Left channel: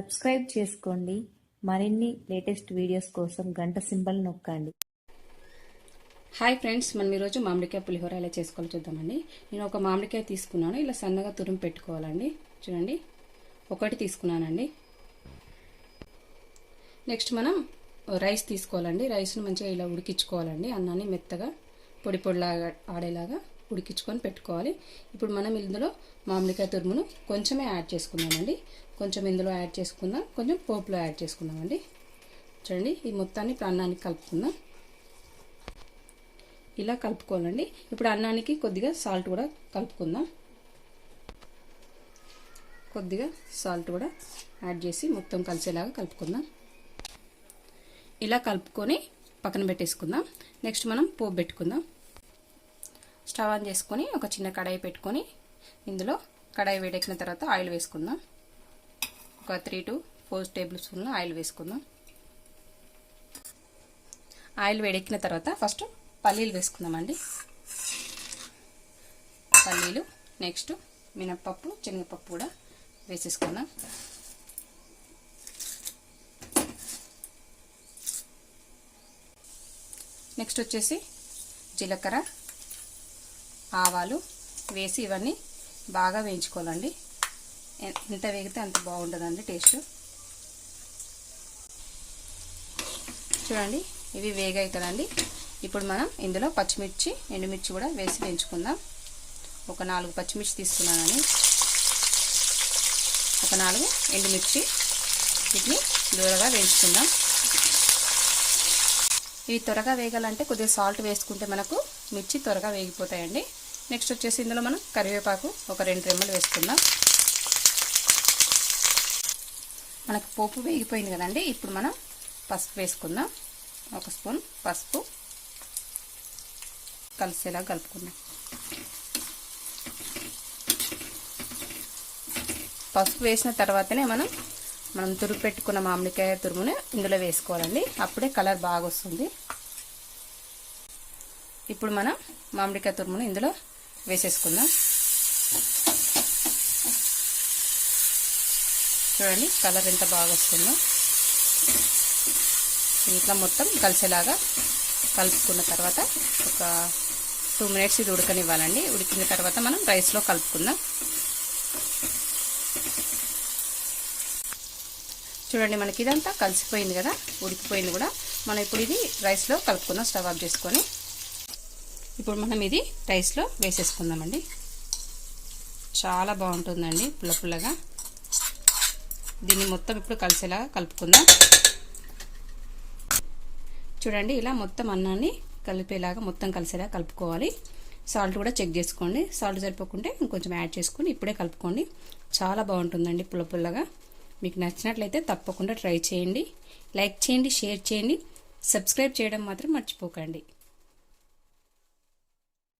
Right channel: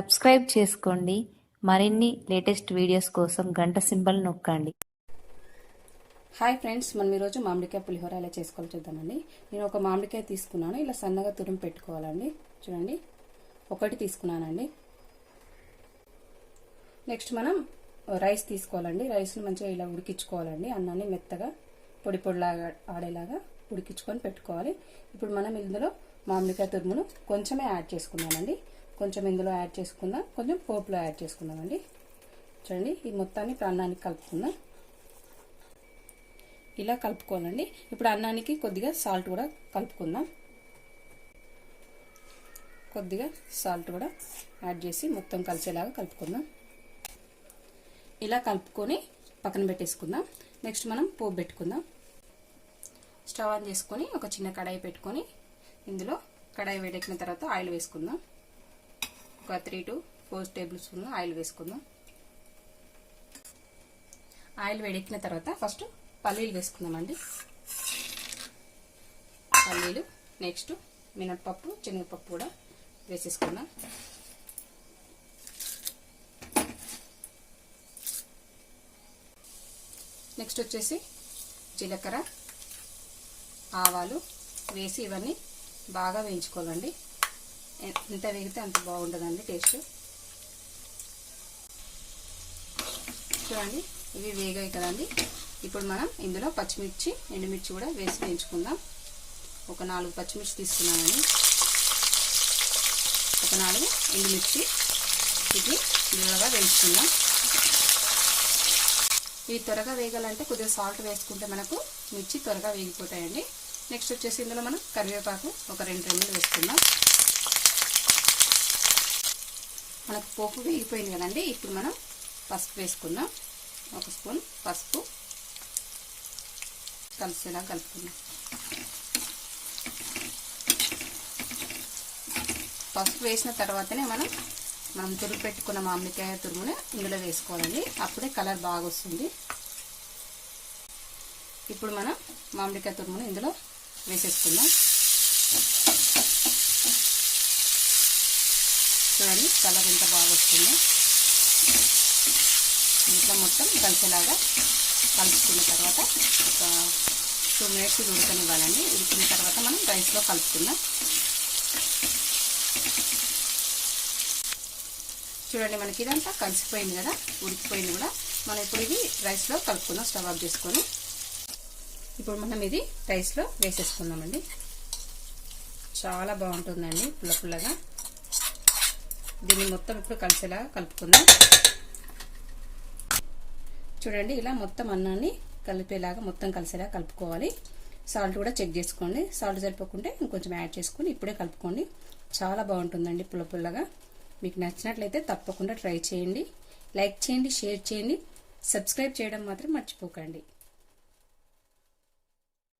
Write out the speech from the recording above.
Subscribe చేసుకోండి. మరిన్ని latest videos కోసం గంట సింబల్ నొక్కండి. హాయ్ ఫ్రెండ్స్, మనం ఈరోజు మామిడికాయ పులిహోర ఎలా చేసుకోవాలో చూద్దామండి. నేను ఒక మామిడికాయ తీసుకున్నాను, ఇలా సన్నగా తురుము పెట్టుకోవాలండి. చూడండి, ఒకటి తీసుకున్నానండి. నెక్స్ట్ మనం రైస్ తీసుకోవాలండి. రైస్ని మంచిగా ఇలా ఉడికించుకోవాలండి. అన్నాన్ని మెత్తగా పొడి పొడిలాగా ఆడేలాగా ఉడికించుకొని పెట్టుకోవాలి. ఇప్పుడు మనం ఇందులో మామిడికాయ తురుమును కొంచెమే యాడ్ చేసుకుందామండి. కొంచెం ఇందులో యాడ్ చేసుకుందాం, కొంచెం పోపులో యాడ్ చేసుకుందామండి. చూడండి, ఈ మొత్తాన్ని ఇప్పుడు అన్నానికి కలుపుకుందాం. ఇలా కలుపుకోవాలండి. ఇప్పుడు అన్నానికి కొద్దిగా సాల్ట్ కూడా కలుపుకుందాం. కొద్దిగా సాల్ట్ కూడా యాడ్ చేసి మొత్తం కలిసేలాగా కలుపుకుందాం. ఇలా కలుపుకొని పక్కన పెట్టేసుకుందాం. నెక్స్ట్ మనం పోపు పెట్టుకుందాం. స్టవ్ ఆన్ చేసుకొని ఒక చిన్న కడాయి పెట్టుకొని ఇందులో కడాయి వేడెక్కిన తర్వాత ఆయిల్ వేసుకుందాం. ఒక 3 to 4 టేబుల్ స్పూన్ల ఆయిల్ వేసుకుందాం. ఆయిల్ వేడెక్కిన తర్వాత ఫస్ట్ పల్లీలు వేసుకుందామండి. పల్లీలు, నెక్స్ట్ మినప్పప్పు, శనగపప్పు కూడా వేసేసుకుందాం. నెక్స్ట్ వచ్చేసి జీలకర్ర, ఆవాలు వేసి ఇవన్నీ బాగా వేయించుకోవాలండి. ఎంత వేగితే అంత బాగుంటుందండి టేస్ట్. చూడండి, ఇవి వేగాయి కదండి. ఇప్పుడు మనం ఇందులో పచ్చిమిర్చి, ఎండుమిర్చి కూడా వేసి వేయించుకుందాం. ఒక 4 పచ్చిమిర్చి తీసుకున్నానని, ఒక 4 ఎండుమిర్చి, వీటిని వేగగా వేయించుకుందాం. ఇవి త్వరగా వేగాలంటే కొద్దిగా సాల్ట్ వేసుకుంటే మనకు మిర్చి త్వరగా వేగిపోతాయండి. నెక్స్ట్ వచ్చేసి ఇందులో మనం కరివేపాకు ఒక 2 రెమ్మలు వేసుకుందాం. మనకు పోపు వేగిపోయింది కదండి. ఇప్పుడు మనం పసుపు వేసుకుందాం. 1 స్పూన్ పసుపు కలిసేలా కలుపుకుందాం. పసుపు వేసిన తర్వాతనే మనం తురుము పెట్టుకున్న మామిడికాయ తురుముని ఇందులో వేసుకోవాలండి. అప్పుడే కలర్ బాగా వస్తుంది. ఇప్పుడు మనం మామిడికాయ తురుముని ఇందులో వేసేసుకుందాం. చూడండి, కలర్ ఎంత బాగా వస్తుందో. ఇట్లా మొత్తం కలిసేలాగా కలుపుకున్న తర్వాత ఒక 2 మినిట్స్ ఇది ఉడకనివ్వాలండి. ఉడికిన తర్వాత మనం రైస్లో కలుపుకుందాం. చూడండి, మనకి ఇదంతా కలిసిపోయింది కదా, ఉడికిపోయింది కూడా. మనం ఇప్పుడు ఇది రైస్లో కలుపుకుందాం. స్టవ్ ఆఫ్ చేసుకొని ఇప్పుడు మనం ఇది రైస్లో వేసేసుకుందామండి. చాలా బాగుంటుందండి, పుల్ల పుల్లగా. దీన్ని మొత్తం ఇప్పుడు కలిసేలాగా కలుపుకుందాం. చూడండి, ఇలా మొత్తం అన్నాన్ని కలిపేలాగా మొత్తం కలిసేలా కలుపుకోవాలి. సాల్ట్ కూడా చెక్ చేసుకోండి. సాల్ట్ సరిపోకుంటే ఇంకొంచెం యాడ్ చేసుకొని ఇప్పుడే కలుపుకోండి. చాలా బాగుంటుందండి పుల్ల పుల్లగా. మీకు నచ్చినట్లయితే తప్పకుండా ట్రై చేయండి. లైక్ చేయండి, షేర్ చేయండి, సబ్స్క్రైబ్ చేయడం మాత్రం మర్చిపోకండి.